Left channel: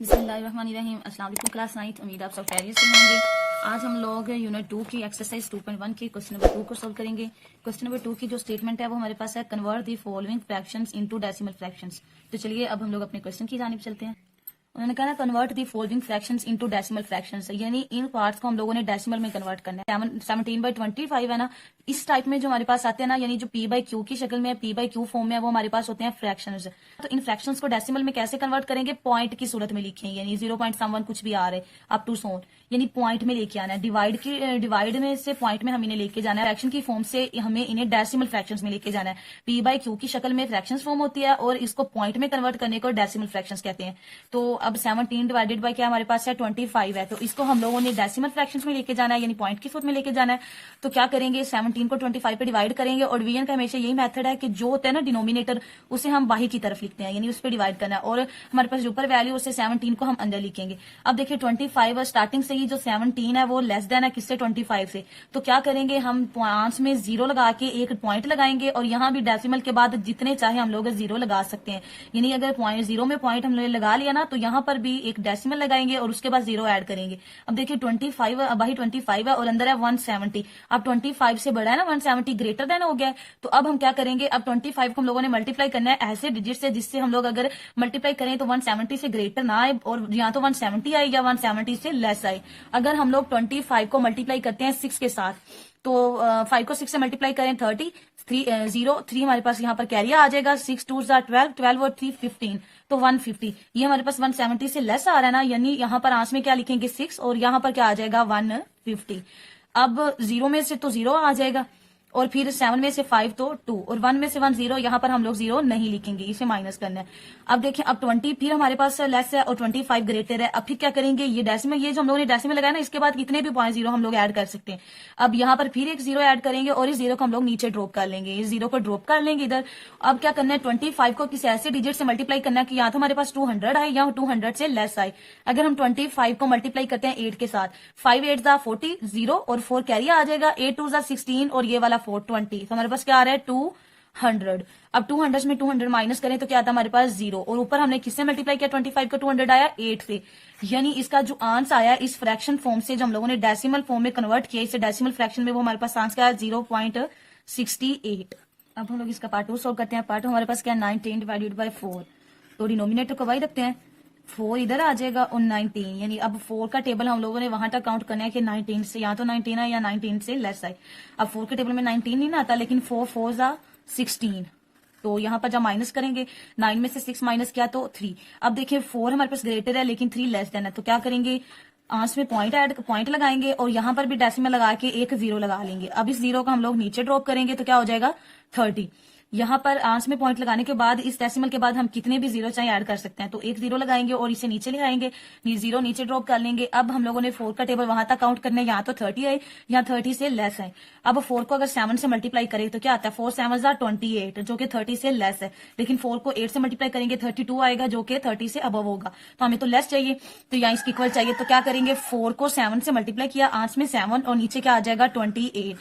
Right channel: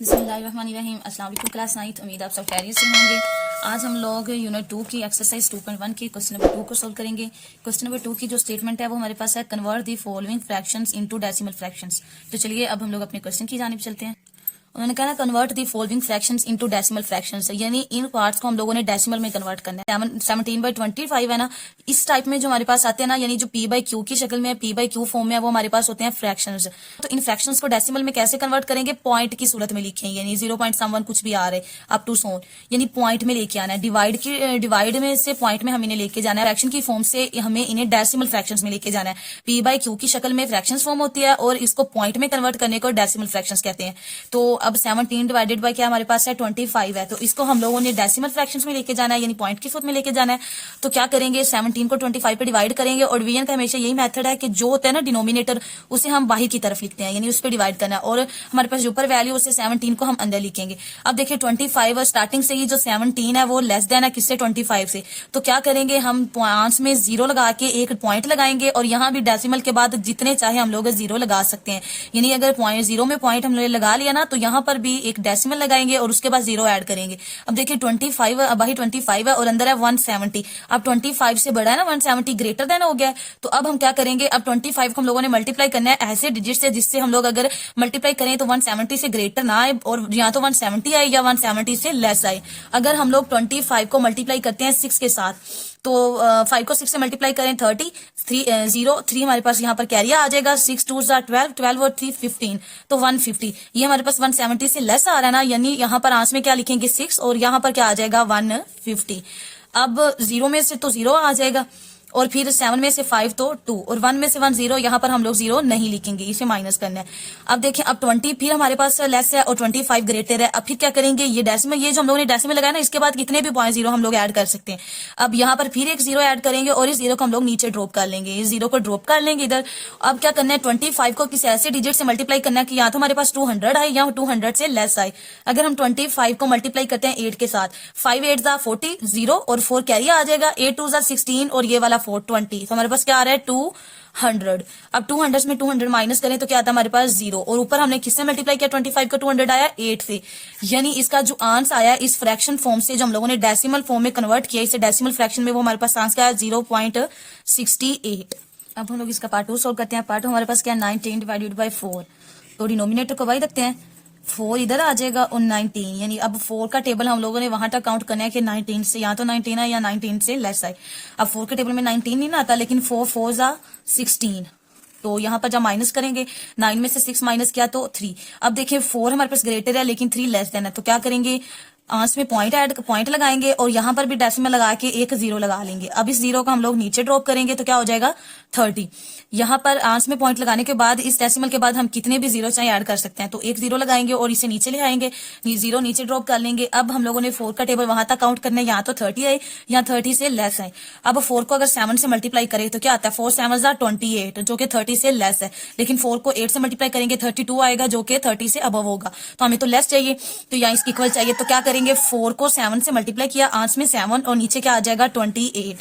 बिस्मिल्लाहिर्रहमानिर्रहीम। अस्सलाम वालेकुम क्लास 9th। उम्मीद आप सब खैरियत से होंगे। आज हम लोग यूनिट 2 की एक्सरसाइज 2.1 की क्वेश्चन नंबर 2 को सोल्व करेंगे। क्वेश्चन नंबर 2 की जो स्टेटमेंट है वो हमारे पास है, convert the following fractions into decimal fractions. तो चलिए अब हम लोग अपने क्वेश्चन की जानिब चलते हैं। उन्होंने कहा convert the following fractions into decimal fractions, यानी इन पार्ट्स को हम लोगों ने डेसिमल में कन्वर्ट करना है। 17/25 है ना, इस टाइप में जो हमारे पास आते हैं ना, यानी जो p बाई क्यू की शक्ल में p बाई क्यू फॉर्म में है, वो हमारे पास होते हैं फ्रैक्शंस। तो इन फ्रैक्शंस को डेसिमल में कैसे कन्वर्ट करेंगे? पॉइंट की सूरत में लिखें, यानी 0.1 कुछ भी आ रहे अप टू सोन, यानी पॉइंट में लेके आना है। डिवाइड में से पॉइंट में हम इन्हें लेके जाना है। फ्रैक्शन की फॉर्म से हमें इन्हें डेसिमल फ्रैक्शंस में लेके जाना है। p बाई क्यू की शक्ल में फ्रैक्शंस फॉर्म होती है और इसको पॉइंट में कन्वर्ट करने को डेसिमल फ्रैक्शंस कहते हैं। तो अब 17 डिवाइडेड बाय क्या हमारे पास है 25 है, तो इसको हम लोगों ने डेसिमल फ्रैक्शंस में लेके जाना है, यानी पॉइंट की सूरत में लेके जाना है। तो क्या करेंगे, 17 को 25 पे डिवाइड करेंगे और डिवीजन का हमेशा यही मेथड है कि जो होता है ना डिनोमिनेटर, उसे हम बाहर की तरफ लिखते हैं, यानी उस पर डिवाइड करना है, और हमारे पास जो ऊपर वैल्यू उसे 17 को हम अंदर लिखेंगे। अब देखिए 25 स्टार्टिंग से ही जो 17 है वो लेस देन है किससे, 25 से। तो क्या करेंगे, हम आंसर में 0 लगा के एक पॉइंट लगाएंगे, और यहाँ भी डेसिमल के बाद जितने चाहे हम लोग 0 लगा सकते हैं, यानी अगर 0 में पॉइंट हमने लगा लिया ना, तो यहाँ पर भी एक डेसिमल लगाएंगे और उसके बाद 0 ऐड करेंगे। अब देखिए 25 बाही 25 है और अंदर है 170। अब 25 से बड़ा है ना, 170 ग्रेटर देन हो गया है। तो अब हम क्या करेंगे, अब 25 को हम लोगों ने मल्टीप्लाई करना है ऐसे डिजिट से जिससे हम लोग अगर मल्टीप्लाई करें तो 170 से ग्रेटर ना आए, और या तो 170 आए या 170 से लेस आए। अगर हम लोग 25 को मल्टीप्लाई करते हैं 6 के साथ, तो 5 को 6 से मल्टीप्लाई करें 30, 3 हमारे पास यहाँ पर कैरी आ जाएगा। 6 2 12, 12 और 3 15, तो 150। ये हमारे पास 170 से लेस आ रहा है ना, यानी यहाँ पर आंसर में क्या लिखेंगे 6, और यहाँ पर क्या आ जाएगा 150। अब 0 में से तो 0 आ जाएगा, और फिर 7 में से 5 तो 2, और 1 में से 1 0, यहाँ पर हम लोग 0 नहीं लिखेंगे, इसे माइनस करना है। अब देखिए अब 20 फिर हमारे पास लेस है और 25 ग्रेटर है। अब फिर क्या करेंगे, ये डेसिमल, ये जो हम लोगों ने डेसिमल लगाया ना, इसके बाद कितने भी पॉइंट 0 हम लोग ऐड कर सकते हैं। अब यहाँ पर फिर एक 0 ऐड करेंगे और इस 0 को हम लोग नीचे ड्रॉप कर लेंगे, इस 0 को ड्रॉप कर लेंगे इधर। अब क्या करना है, 25 को किसी ऐसे डिजिट से मल्टीप्लाई करना है कि या तो हमारे पास 200 आए या 200 से लेस आए। अगर हम 25 को मल्टीप्लाई करते हैं 8 के साथ, 5 8 40, 0 और 4 कैरी आ जाएगा, 8 2 16 और ये वाला 4 20, तो हमारे पास क्या आ रहा है 200। अब 200 में 200 माइनस करें तो क्या आता है हमारे पास 0, और ऊपर हमने किससे मल्टीप्लाई किया, 25 को 200 आया 8 से, यानी इसका जो आंसर आया इस फ्रैक्शन फॉर्म से जो हम लोगों ने डेसिमल फॉर्म में कन्वर्ट किया, इसे डेसिमल फ्रैक्शन में, वो हमारे पास आंसर आया 0.68। अब हम लोग इसका पार्ट 2 सोल्व करते हैं। पार्ट 2 हमारे पास क्या है 19 डिवाइडेड बाई 4, तो डिनोमिनेटर को वही रखते हैं, 4 इधर आ जाएगा और 19, यानी अब 4 का टेबल हम लोगों ने वहां तक काउंट करना है कि 19 से या तो 19 है या 19 से लेस आए। अब 4 के टेबल में 19 नहीं ना आता, लेकिन 4 4 16, तो यहाँ पर जब माइनस करेंगे 9 में से 6 माइनस किया तो 3। अब देखिए 4 हमारे पास ग्रेटर है लेकिन 3 लेस देन है, तो क्या करेंगे, आंसर में पॉइंट लगाएंगे और यहाँ पर भी डेसिमल लगा के एक 0 लगा लेंगे। अब इस 0 को हम लोग नीचे ड्रॉप करेंगे तो क्या हो जाएगा 30। यहाँ पर आंसर में पॉइंट लगाने के बाद इस डेसिमल के बाद हम कितने भी 0 चाहे ऐड कर सकते हैं, तो एक 0 लगाएंगे और इसे नीचे ले आएंगे, 0 नीचे ड्रॉप कर लेंगे। अब हम लोगों ने 4 का टेबल वहां तक काउंट करना है, यहाँ तो 30 है या 30 से लेस है। अब 4 को अगर 7 से मल्टीप्लाई करें तो क्या आता है, 4 7 28, जो कि 30 से लेस है, लेकिन 4 को 8 से मल्टीप्लाई करेंगे 32 आएगा, जो कि 30 से अबव होगा। तो हमें तो लेस चाहिए, तो यहाँ इसकी इक्वल चाहिए, तो क्या करेंगे 4 को 7 से मल्टीप्लाई किया, आंसर में 7 और नीचे क्या आ जाएगा 28।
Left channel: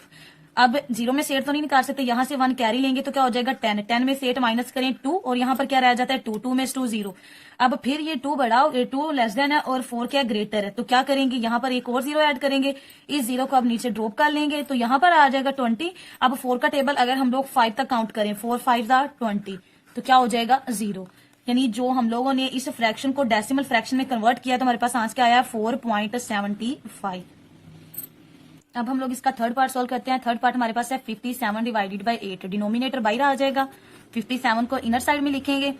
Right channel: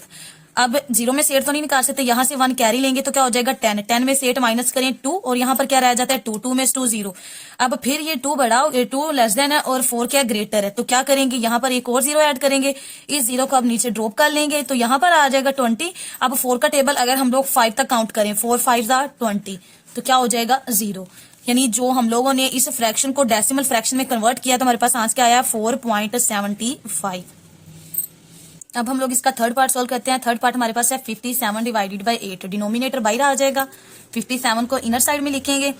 अब 0 में से 8 तो नहीं निकाल सकते, यहाँ से 1 कैरी लेंगे तो क्या हो जाएगा 10, 10 में से 8 माइनस करें 2, और यहाँ पर क्या रह जाता है 2, 2 में से 2 0। अब फिर ये 2 बढ़ाओ, 2 लेस देन है और 4 क्या ग्रेटर है, तो क्या करेंगे, यहाँ पर एक और 0 ऐड करेंगे, इस 0 को अब नीचे ड्रॉप कर लेंगे, तो यहाँ पर आ जाएगा 20। अब 4 का टेबल अगर हम लोग 5 तक काउंट करें, 4 5 20, तो क्या हो जाएगा 0, यानी जो हम लोगों ने इस फ्रैक्शन को डेसिमल फ्रैक्शन में कन्वर्ट किया तो हमारे पास आंसर क्या आया 4.75। अब हम लोग इसका थर्ड पार्ट सोल्व करते हैं। थर्ड पार्ट हमारे पास है 57 डिवाइडेड बाई 8, डिनोमिनेटर बाहर आ जाएगा, 57 को इनर साइड में लिखेंगे।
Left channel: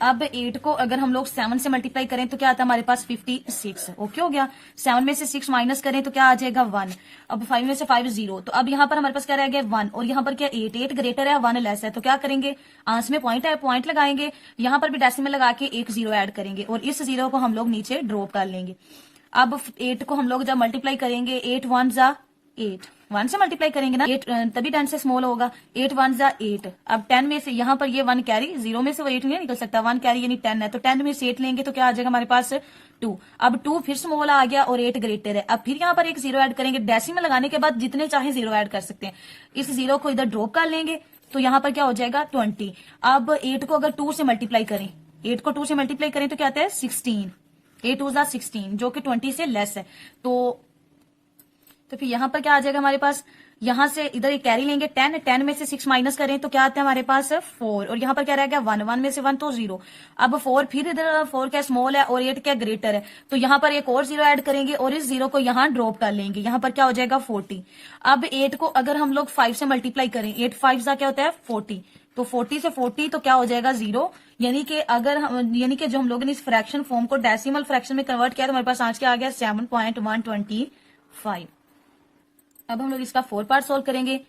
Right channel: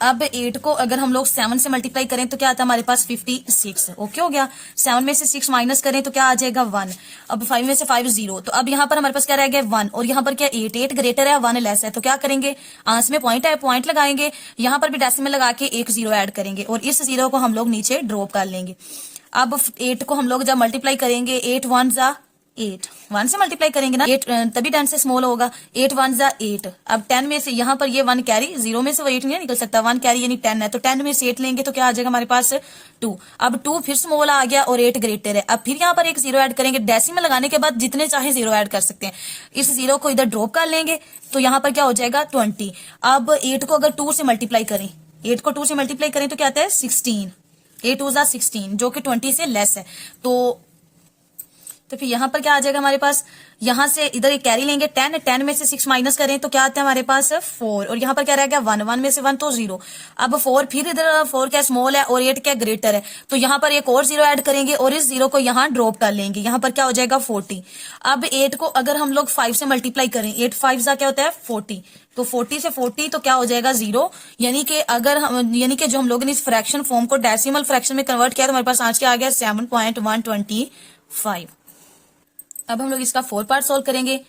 अब 8 को अगर हम लोग 7 से मल्टीप्लाई करें तो क्या आता है हमारे पास 56, ओके हो गया। 7 में से 6 माइनस करें तो क्या आ जाएगा 1। अब 5 में से 5 0, तो अब यहाँ पर हमारे पास क्या रह गया 1, और यहाँ पर क्या 8 8 ग्रेटर है 1 लेस है, तो क्या करेंगे, आंसर में पॉइंट है, पॉइंट लगाएंगे, यहाँ पर भी डेसिमल लगा के एक 0 ऐड करेंगे और इस 0 को हम लोग नीचे ड्रॉप कर लेंगे। अब 8 को हम लोग जब मल्टीप्लाई करेंगे 8 1 8, 1 से मल्टीप्लाई करेंगे ना 8, तभी 10 से स्मॉल होगा, 8 1 8। अब 10 में से यहाँ पर ये 1 कैरी, 0 में से वो 8 नहीं निकल सकता, 1 कैरी यानी 10 है, तो 10 में से 8 लेंगे तो क्या आ जाएगा हमारे पास 2। अब 2 फिर स्मॉल आ गया और 8 ग्रेटर है। अब फिर यहाँ पर एक 0 ऐड करेंगे, डेसिमल लगाने के बाद जितने चाहे 0 ऐड कर सकते हैं, इस 0 को इधर ड्रॉप कर लेंगे, तो यहाँ पर क्या हो जाएगा 20। अब 8 को अगर 2 से मल्टीप्लाई करें, 8 को 2 से मल्टीप्लाई करें तो क्या आता है 16, 8 टू जा 16 जो कि 20 से लेस है। तो फिर यहाँ पर क्या आ जाएगा हमारे पास, यहाँ से इधर एक कैरी लेंगे 10, 10 में से 6 माइनस करें तो क्या आता है हमारे पास 4, और यहाँ पर क्या रह गया 1, 1 में से 1 तो 0। अब 4, फिर इधर 4 क्या स्मॉल है और 8 क्या ग्रेटर है, तो यहाँ पर एक और 0 ऐड करेंगे और इस 0 को यहाँ ड्रॉप कर लेंगे, यहाँ पर क्या हो जाएगा 40। अब 8 को अगर हम लोग 5 से मल्टीप्लाई करें, 8 5 क्या होता है 40, तो 40 से 40 तो क्या हो जाएगा 0, यानी कि जो हम लोगों ने इस फ्रैक्शन फॉर्म को डेसिमल फ्रैक्शन में कन्वर्ट किया तो हमारे पास आज क्या आ गया 7.125। अब हम लोग इसका 4 पार्ट सॉल्व करेंगे।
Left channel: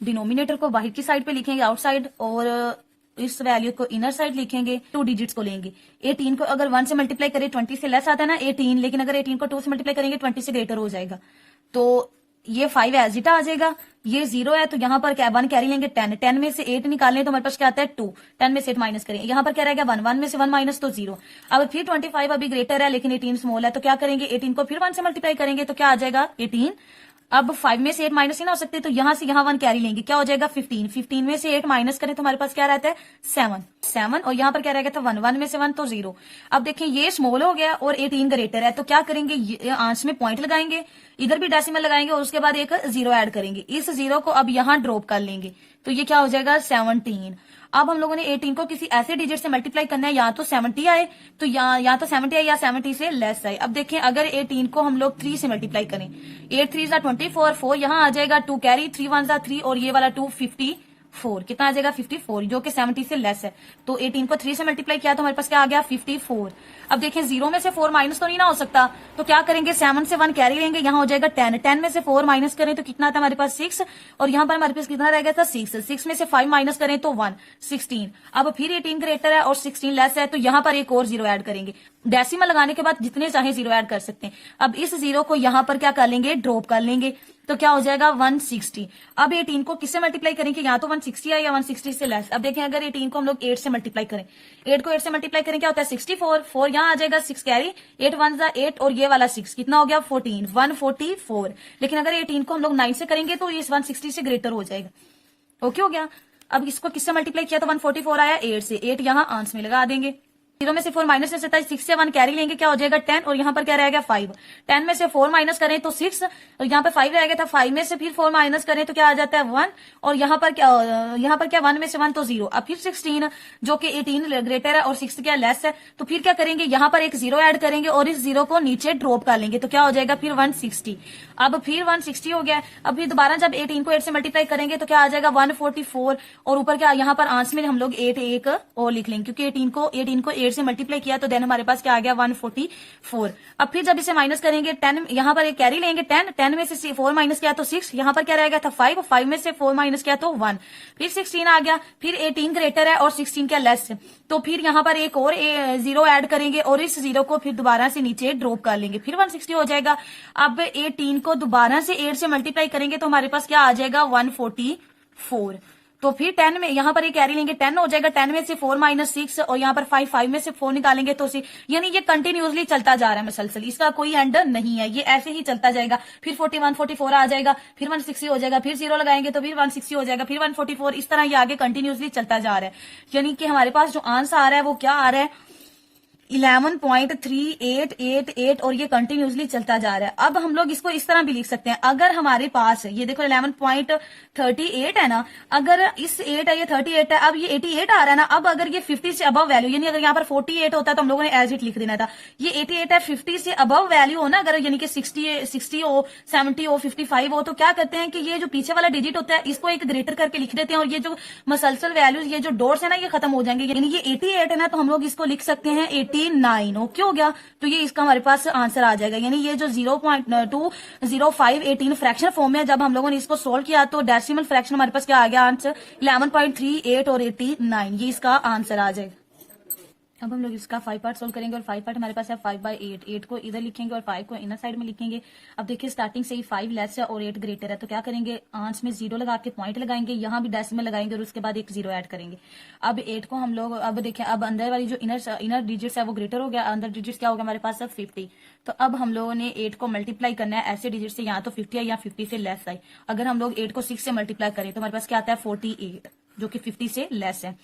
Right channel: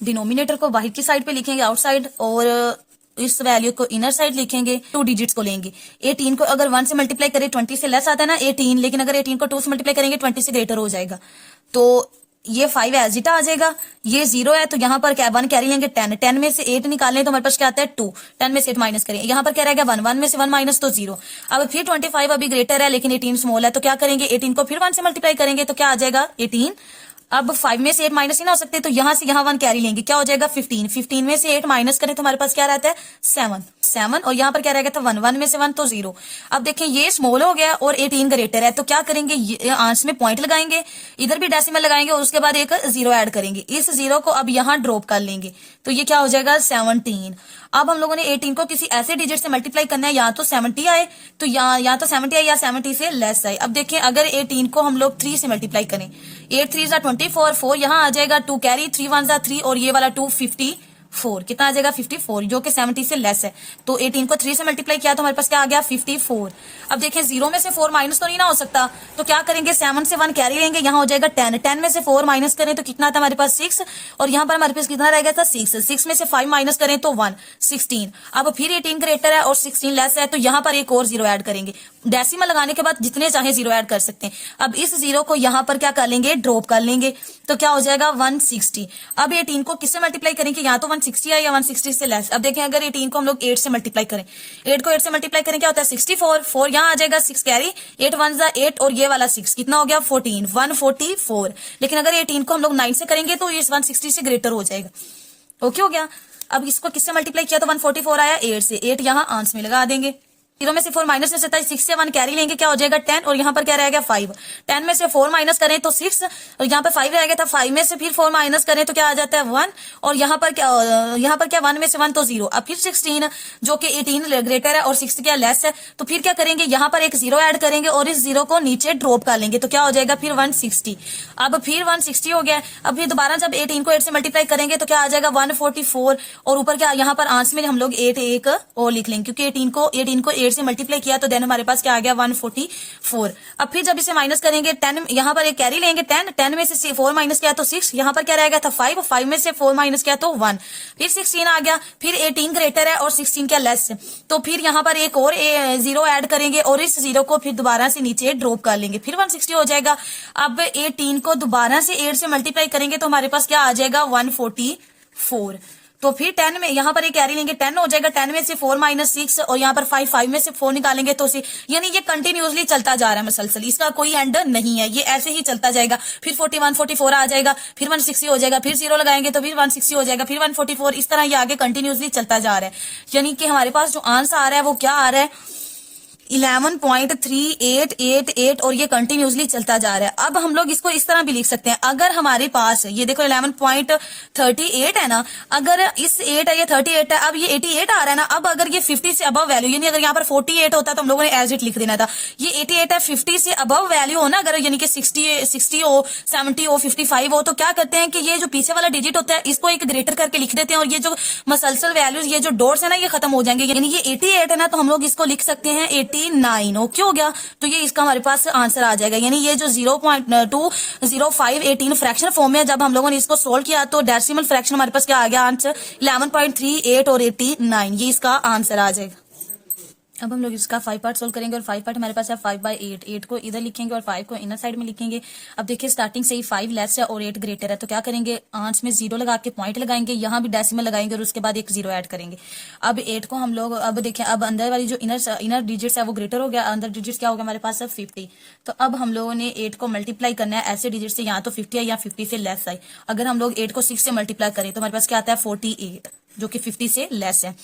डिनोमिनेटर को बाहर की साइड पे लिखेंगे आउटसाइड, और इस वैल्यू को इनर साइड लिखेंगे, 2 डिजिट्स को लेंगे। 18 को अगर 1 से मल्टीप्लाई करें 20 से लेस आता है ना 18, लेकिन अगर 18 को 2 से मल्टीप्लाई करेंगे 20 से ग्रेटर हो जाएगा, तो ये 5 एज इट आ जाएगा। ये 0 है तो यहाँ पर क्या 1 कैरी लेंगे 10, 10 में से 8 निकालें तो हमारे पास क्या आता है 2, 10 में से 8 माइनस करें, यहाँ पर क्या रहेगा 1, 1 में से 1 माइनस तो 0। अब फिर 25 अभी ग्रेटर है लेकिन 18 स्मॉल है, तो क्या करेंगे 18 को फिर 1 से मल्टीप्लाई करेंगे तो क्या आ जाएगा 18। अब 5 में से 8 माइनस ही ना हो सकते, तो यहाँ से यहाँ 1 कैरी लेंगे, क्या हो जाएगा 15, 15 में से 8 माइनस करें तो हमारे पास क्या रहता है 7, 7, और यहाँ पर क्या रहेगा था 1, 1 में से 1 तो 0। अब देखें ये स्मॉल हो गया और 18 ग्रेटर है, तो क्या करेंगे आंसर में पॉइंट लगाएंगे, इधर भी डेसिमल लगाएंगे और उसके बाद एक 0 ऐड करेंगे, इस 0 को अब यहाँ ड्रॉप कर लेंगे, तो ये क्या हो जाएगा 17। अब हम लोगों ने 18 को किसी ऐसे डिजिट से मल्टीप्लाई करना है, या तो 70 आए तो या तो 70 आए या 70 से लेस आए। अब देखें अगर 18 को हम लोग 3 से मल्टीप्लाई करें, 8 3 24, 4 यहाँ आ जाएगा, 2 कैरी, 3 1 3 और ये वाला 2 54, कितना आ जाएगा 54 जो कि 70 से लेस है। तो 18 को 3 से मल्टीप्लाई किया तो हमारे पास क्या आ गया 54। अब देखें 0 में से 4 माइनस तो नहीं ना हो सकता, तो क्या करेंगे 7 से 1 कैरी लेंगे, यहाँ हो जाएगा 10, 10 में से 4 माइनस करें तो कितना था हमारे पास 6, और यहाँ पर हमारे पास कितना रह गया था 6, 6 में से 5 माइनस करें तो 1, 16। अब फिर 18 ग्रेटर है और 16 लेस है, तो यहाँ पर एक और 0 ऐड करेंगे, डेसिमल लगाने के बाद जितने चाहे 0 ऐड कर सकते हैं। अब इस 0 को यहाँ पर क्या कर लेंगे ड्रॉप कर लेंगे, तो क्या हो जाएगा 160। अब 18 को किससे मल्टीप्लाई करेंगे, या तो 160 है या 160 से लेस। अब देखें अगर 18 को हम लोग 8 से मल्टीप्लाई करें, 8 को 8 से मल्टीप्लाई करें क्या होता है 64, 4 यहाँ आ जाएगा, 6 कैरी, 8 1 8 और ये वाला 6 कितना हो गया 14, 144। लेकिन अगर 18 को हम लोग 9 से करेंगे तो ये 160 से ग्रेटर हो जाएगा। ओके हो गया। अब इसको किससे मल्टीप्लाई किया तो 144 आया, 8 से, 8 यहाँ आंसर में लगा देंगे। 0 में से 4 माइनस में से 6 से 1 कैरी लेंगे, क्या हो जाएगा 10, और यहाँ पर क्या रह गया 5, 10 में से 4 माइनस करें तो 6, और यहाँ पर 5 रह गया था, 5 में से फिर 4 माइनस करें तो क्या आ जाता है 1, और यहाँ पर क्या 1 में से 1 तो 0। अब फिर 16 जो कि 18 ग्रेटर है और 6 क्या लेस है, तो फिर क्या करेंगे यहाँ पर एक 0 ऐड करेंगे और इस 0 को नीचे ड्रॉप कर लेंगे, तो क्या हो जाएगा फिर 160। अब फिर 160 हो गया। अब फिर दोबारा जब 18 को 8 से मल्टीप्लाई करेंगे तो क्या आ जाएगा 144, और ऊपर क्या यहाँ पर आंसर में हम लोग 8 एक और लिख लेंगे, क्योंकि 18 को 8 से मल्टीप्लाई किया तो देन हमारे पास क्या आ गया 144। अब फिर जब इसे माइनस करेंगे 10, यहाँ पर एक कैरी लेंगे 10, 10 में से 4 माइनस किया तो 6, यहाँ पर क्या रहेगा था 5, 5 में से 4 माइनस किया तो 1, फिर 16 आ गया, फिर 18 ग्रेटर है और 16 क्या लेस है, तो फिर यहाँ पर एक और 0 ऐड करेंगे और इस 0 को फिर दोबारा से नीचे ड्रॉप कर लेंगे, फिर 160 हो जाएगा। अब 18 को दोबारा से 8 से मल्टीप्लाई करेंगे तो हमारे पास क्या आ जाएगा 144। तो फिर 10 में यहाँ पर एक कैरी लेंगे 10 हो जाएगा, 10 में से 4 माइनस 6 और यहाँ पर 5, 5 में से 4 निकालेंगे तो 6, यानी ये कंटिन्यूसली चलता जा रहा है मसलसल, इसका कोई एंड नहीं है, ये ऐसे ही चलता जाएगा। फिर 41 44 आ जाएगा, फिर 160 हो जाएगा, फिर 0 लगाएंगे तो फिर 160 हो जाएगा, फिर 144, इस तरह ये आगे कंटिन्यूसली चलता जा रहा है। यानी कि हमारे पास जो आंसर आ रहा है वो क्या आ रहा है 11.3888, और ये कंटिन्यूसली चलता जा रहा है। अब हम लोग इसको इस तरह भी लिख सकते हैं, अगर हमारे पास ये देखो 11.38 है ना, अगर इस 8 है ये 38 है, अब ये 88 आ रहा है ना, अब अगर ये 50 से अबव वैल्यू, यानी अगर यहाँ पर 48 होता तो हम लोगों ने एज इट लिख देना था, ये 88 है, 50 से अबव वैल्यू हो ना, अगर यानी कि 60 हो, 70 हो, 55 हो, तो क्या करते हैं कि ये जो पीछे वाला डिजिट होता है इसको एक ग्रेटर करके लिख देते हैं, और ये जो मसलसल वैल्यूज ये जो डॉट्स है ना ये खत्म हो जाएंगे, यानी ये 88 है ना, तो हम लोग इसको लिख सकते हैं 89। ओके हो गया। तो ये इसका हमारे पास आंसर आ जाएगा, यानी ये जो 0.20518 फ्रैक्शन फॉर्म में जब हम लोगों ने इसको सोल्व किया तो डेसिमल फ्रैक्शन हमारे पास क्या आ गया आंसर 11.38 और 89, ये इसका आंसर आ जाएगा। अब हम लोग इसका 5 पार्ट सोल्व करेंगे, और 5 पार्ट हमारे पास है 5/8, 8 को इधर लिखेंगे और 5 को इनर साइड में लिखेंगे। अब देखिए स्टार्टिंग से ही 5 लेस है और 8 ग्रेटर है, तो क्या करेंगे आंसर में 0 लगा के पॉइंट लगाएंगे, यहाँ भी डेसिमल लगाएंगे और उसके बाद एक 0 ऐड करेंगे। अब 8 को हम लोग अब देखें, अब अंदर वाली जो इनर डिजिट्स है वो ग्रेटर हो गया, अंदर डिजिट्स क्या हो गया हमारे पास है 50। तो अब हम लोगों ने 8 को मल्टीप्लाई करना है ऐसे डिजिट से, यहाँ तो 50 है या 50 से लेस है। अगर हम लोग 8 को 6 से मल्टीप्लाई करें तो हमारे पास क्या आता है 48, जो कि 50 से लेस है।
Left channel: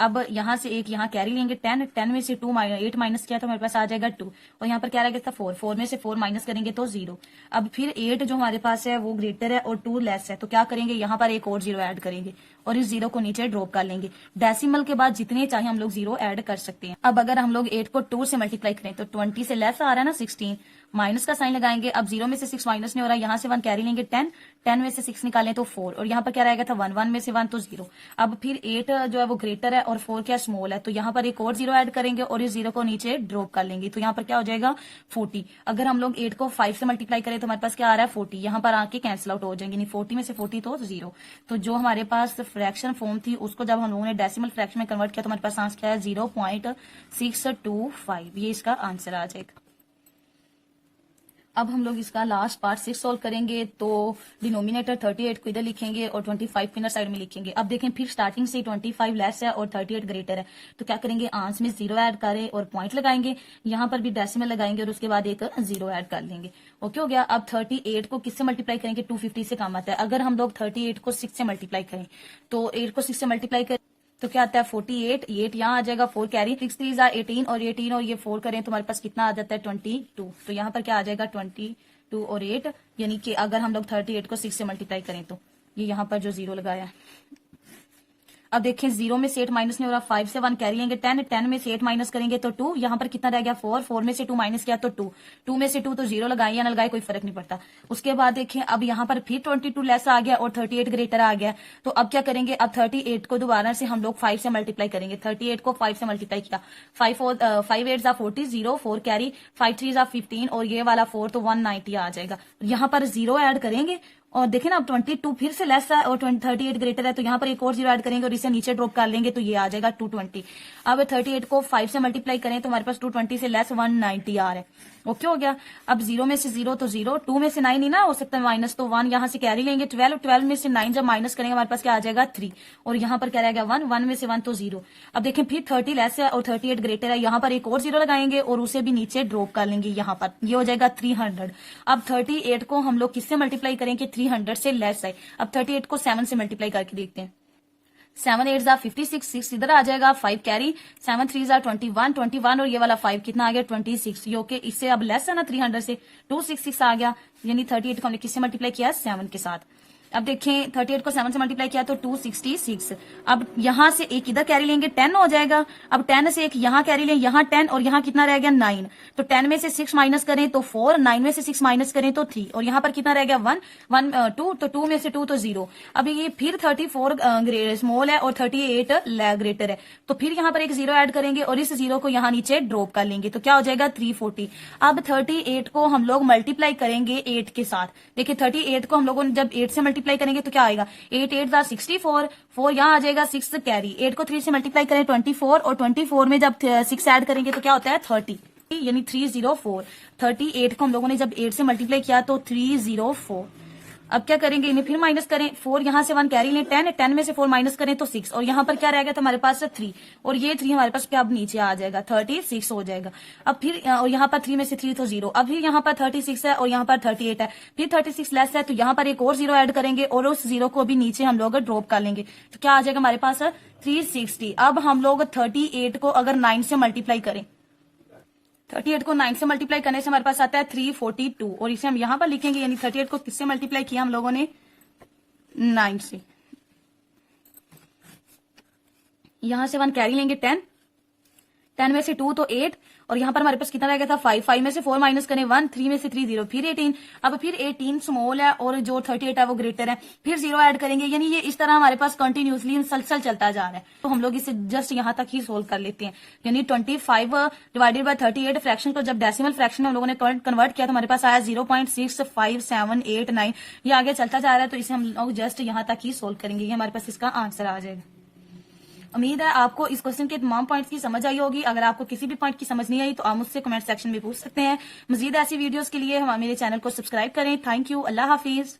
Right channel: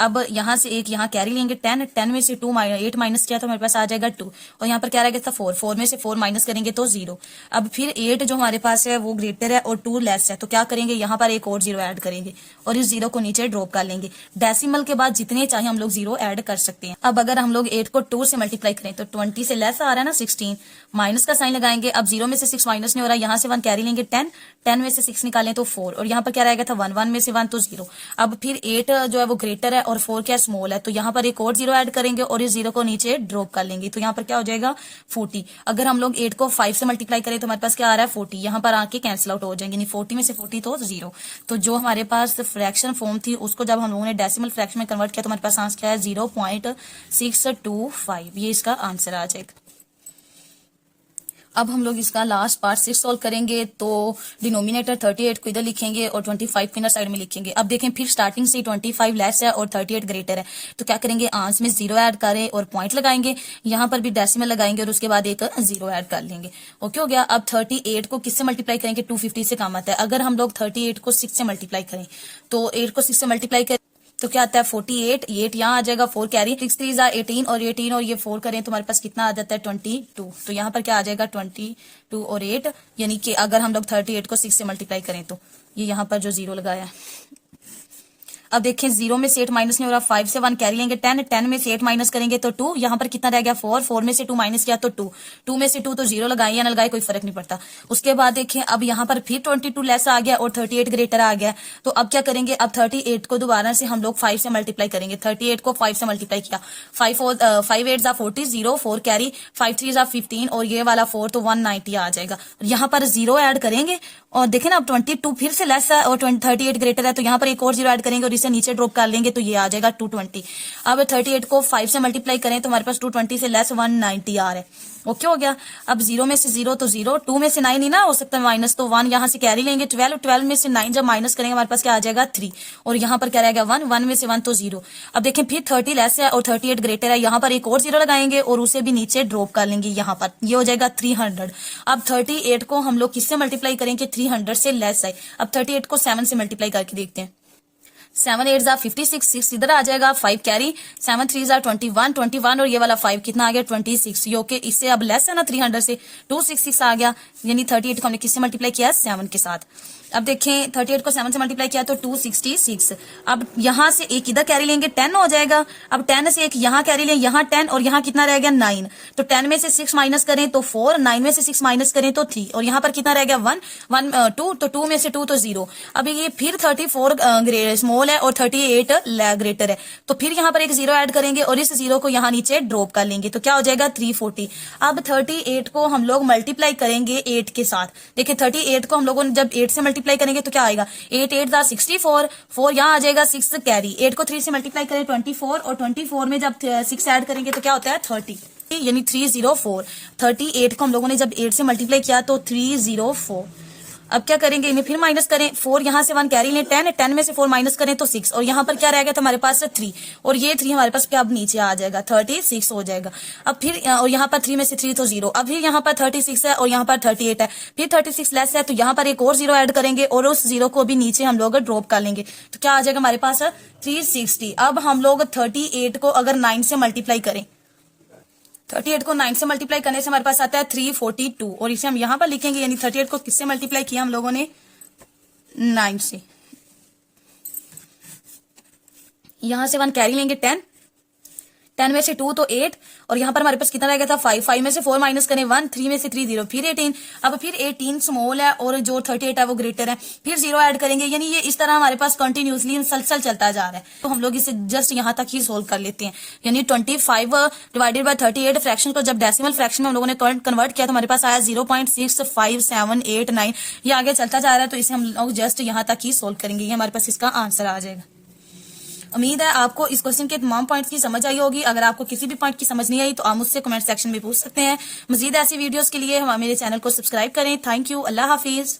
अब यहाँ से एक यहाँ कैरी लेंगे 10, 10 में से 8 माइनस किया तो हमारे पास आ जाएगा 2, और यहाँ पर क्या रहेगा था 4, 4 में से 4 माइनस करेंगे तो 0। अब फिर 8 जो हमारे पास है वो ग्रेटर है और 2 लेस है, तो क्या करेंगे यहाँ पर एक और 0 ऐड करेंगे और इस 0 को नीचे ड्रॉप कर लेंगे। डेसिमल के बाद जितने चाहे हम लोग 0 ऐड कर सकते हैं। अब अगर हम लोग 8 को 2 से मल्टीप्लाई करें तो 20 से लेस आ रहा है ना 16, माइनस का साइन लगाएंगे। अब 0 में से 6 माइनस नहीं हो रहा, यहाँ से 1 कैरी लेंगे 10, 10 में से 6 निकालें तो 4, और यहाँ पर क्या रहेगा था 1, 1 में से 1 तो 0। अब फिर 8 जो है वो ग्रेटर है और 4 क्या स्मॉल है, तो यहाँ पर एक और 0 ऐड करेंगे और इस 0 को नीचे ड्रॉप कर लेंगे, तो यहाँ पर क्या हो जाएगा 40। अगर हम लोग 8 को 5 से मल्टीप्लाई करें तो हमारे पास क्या आ रहा है 40, यहाँ पर आके कैंसिल आउट हो जाएंगे, नहीं 40 में से 40 तो 0। तो जो हमारे पास फ्रैक्शन फॉर्म थी उसको जब हम लोगों ने डेसिमल फ्रैक्शन में कन्वर्ट किया तो हमारे पास आंसर क्या है 0.625, ये इसका आंसर आ जाएगा। अब हम लोग इसका लास्ट पार्ट 6 सॉल्व करेंगे, तो डिनोमिनेटर 38 को इधर लिखेंगे और 25 को इधर साइड में लिखेंगे। अब देखें फिर स्टार्टिंग से 25 लेस है और 38 ग्रेटर है, तो क्या करेंगे आंसर में 0 ऐड करें और पॉइंट लगाएंगे, यहाँ पर भी डेसिमल लगाएंगे और उसके बाद एक 0 ऐड कर लेंगे। ओके हो गया। अब 38 को किससे मल्टीप्लाई करेंगे, 250 से काम आता है। अगर हम लोग 38 को 6 से मल्टीप्लाई करें तो 8 को 6 से मल्टीप्लाई करें तो क्या आता है 48, 8 यहाँ आ जाएगा, 4 कैरी, 6 3 18 और 18 और ये 4 करें तो हमारे पास कितना आ जाता है 22। तो यहाँ पर क्या आ जाएगा 22 और 8, यानी कि अगर हम लोग 38 को 6 से मल्टीप्लाई करें तो ये यहाँ पर जो 0 लगाया है। अब देखें 0 में से 8 माइनस नहीं हो रहा, 5 से 1 कैरी लेंगे 10, 10 में से 8 माइनस करेंगे तो 2, यहाँ पर कितना रह गया 4, 4 में से 2 माइनस किया तो 2, 2 में से 2 तो 0 लगाए या ना लगाए कोई फर्क नहीं पड़ता। उसके बाद देखें अब यहाँ पर फिर 22 लेस आ गया और 38 ग्रेटर आ गया, तो अब क्या करेंगे, अब 38 को दोबारा से हम लोग 5 से मल्टीप्लाई करेंगे। 38 को 5 से मल्टीप्लाई किया, 5 8 40, 0 4 कैरी, 5 3 15 और ये वाला 4 तो 190 आ जाएगा। यहाँ पर 0 ऐड करेंगे और देखें ना अब 22 फिर से लेस है और 38 ग्रेटर है, तो यहाँ पर एक और 0 ऐड करेंगे और इसे नीचे ड्रॉप कर लेंगे, तो ये आ जाएगा 220। अब 38 को 5 से मल्टीप्लाई करें तो हमारे पास 220 से लेस 190 आ रहा है। ओके हो गया। अब 0 में से 0 तो 0, 2 में से 9 ही ना हो सकता माइनस, तो 1 यहाँ से कैरी लेंगे, 12, 12 में से 9 जब माइनस करेंगे हमारे पास क्या आ जाएगा 3, और यहाँ पर क्या रहेगा 1, 1 में से 1 तो 0। अब देखें फिर 30 लेस है और 38 ग्रेटर है, यहाँ पर एक और 0 लगाएंगे और उसे भी नीचे ड्रॉप कर लेंगे, यहाँ पर ये हो जाएगा 300। अब 38 को हम लोग किससे मल्टीप्लाई करेंगे, 300 से लेस है। अब 38 को 7 से मल्टीप्लाई करके देखते हैं, 7 8 56, 6 इधर आ जाएगा, 5 कैरी, 7 3 21, 21 और ये वाला 5 कितना आ गया 26, यो के इससे अब लेस है ना 300 से, 266 आ गया, यानी 38 को हमने किससे मल्टीप्लाई किया 7 के साथ। अब देखें 38 को 7 से मल्टीप्लाई किया तो 266। अब यहां से एक इधर कैरी लेंगे 10 हो जाएगा, अब 10 से एक यहाँ कैरी लें, यहाँ 10 और यहाँ कितना रह गया 9, तो 10 में से 6 माइनस करें तो 4, 9 में से 6 माइनस करें तो 3 और यहाँ पर कितना रह गया 1, 2, तो 2 में से 2 तो 0। अब ये फिर 34 स्मॉल है और 38 ग्रेटर है, तो फिर यहाँ पर एक 0 ऐड करेंगे और इस 0 को यहाँ नीचे ड्रॉप कर लेंगे, तो क्या हो जाएगा 340। अब 38 को हम लोग मल्टीप्लाई करेंगे 8 के साथ। देखिए 38 को हम लोगों ने जब 8 से मल्टीप्लाई करेंगे तो क्या आएगा 8 8 64, 4 यहाँ आ जाएगा, 6 कैरी, 8 को 3 से मल्टीप्लाई करें 24 और 24 में जब 6 ऐड करेंगे तो क्या होता है 30, यानी 304। 38 को हम लोगों ने जब 8 से मल्टीप्लाई किया तो 304। अब क्या करेंगे, इन्हें फिर माइनस करें, 4 यहाँ से 1 कैरी लें, 10, 10 में से 4 माइनस करें तो 6 और यहाँ पर क्या रह गया था हमारे पास 3 और ये 3 हमारे पास क्या अब नीचे आ जाएगा 36 हो जाएगा। अब फिर और यहाँ पर 3 में से 3 तो 0, अब फिर यहाँ पर 36 है और यहाँ पर 38 है, फिर 36 लेस है तो यहाँ पर एक और 0 ऐड करेंगे और उस 0 को भी नीचे हम लोग ड्रॉप कर लेंगे, तो क्या आ जाएगा हमारे पास 360। अब हम लोग 38 को अगर 9 से मल्टीप्लाई करें, 38 को 9 से मल्टीप्लाई करने से हमारे पास आता है 342 और इसे हम यहां पर लिखेंगे, यानी 38 को किससे मल्टीप्लाई किया हम लोगों ने 9 से, यहां से 1 कैरी लेंगे 10, 10 में से 2 तो 8 और यहाँ पर हमारे पास कितना रह गया था 5, 5 में से 4 माइनस करें 1, 3 में से 3 0, फिर 18। अब फिर 18 स्मॉल है और जो 38 है वो ग्रेटर है, फिर 0 ऐड करेंगे, यानी ये इस तरह हमारे पास कंटिन्यूसली मुसलसल चलता जा रहा है। तो हम लोग इसे जस्ट यहाँ तक ही सोल्व कर लेते हैं, यानी 25 डिवाइडेड बाय 38 फ्रैक्शन को जब डेसिमल फ्रैक्शन में हम लोगों ने कन्वर्ट किया तो हमारे पास आया 0.65789, ये आगे चलता जा रहा है, तो इसे हम लोग जस्ट यहाँ तक ही सोल्व करेंगे, ये हमारे पास इसका आंसर आ जाएगा। उम्मीद है आपको इस क्वेश्चन के तमाम पॉइंट्स की समझ आई होगी। अगर आपको किसी भी पॉइंट की समझ नहीं आई तो आप मुझसे कमेंट सेक्शन में पूछ सकते हैं। मजीद ऐसी वीडियोस के लिए मेरे चैनल को सब्सक्राइब करें। Thank you. Allah Hafiz.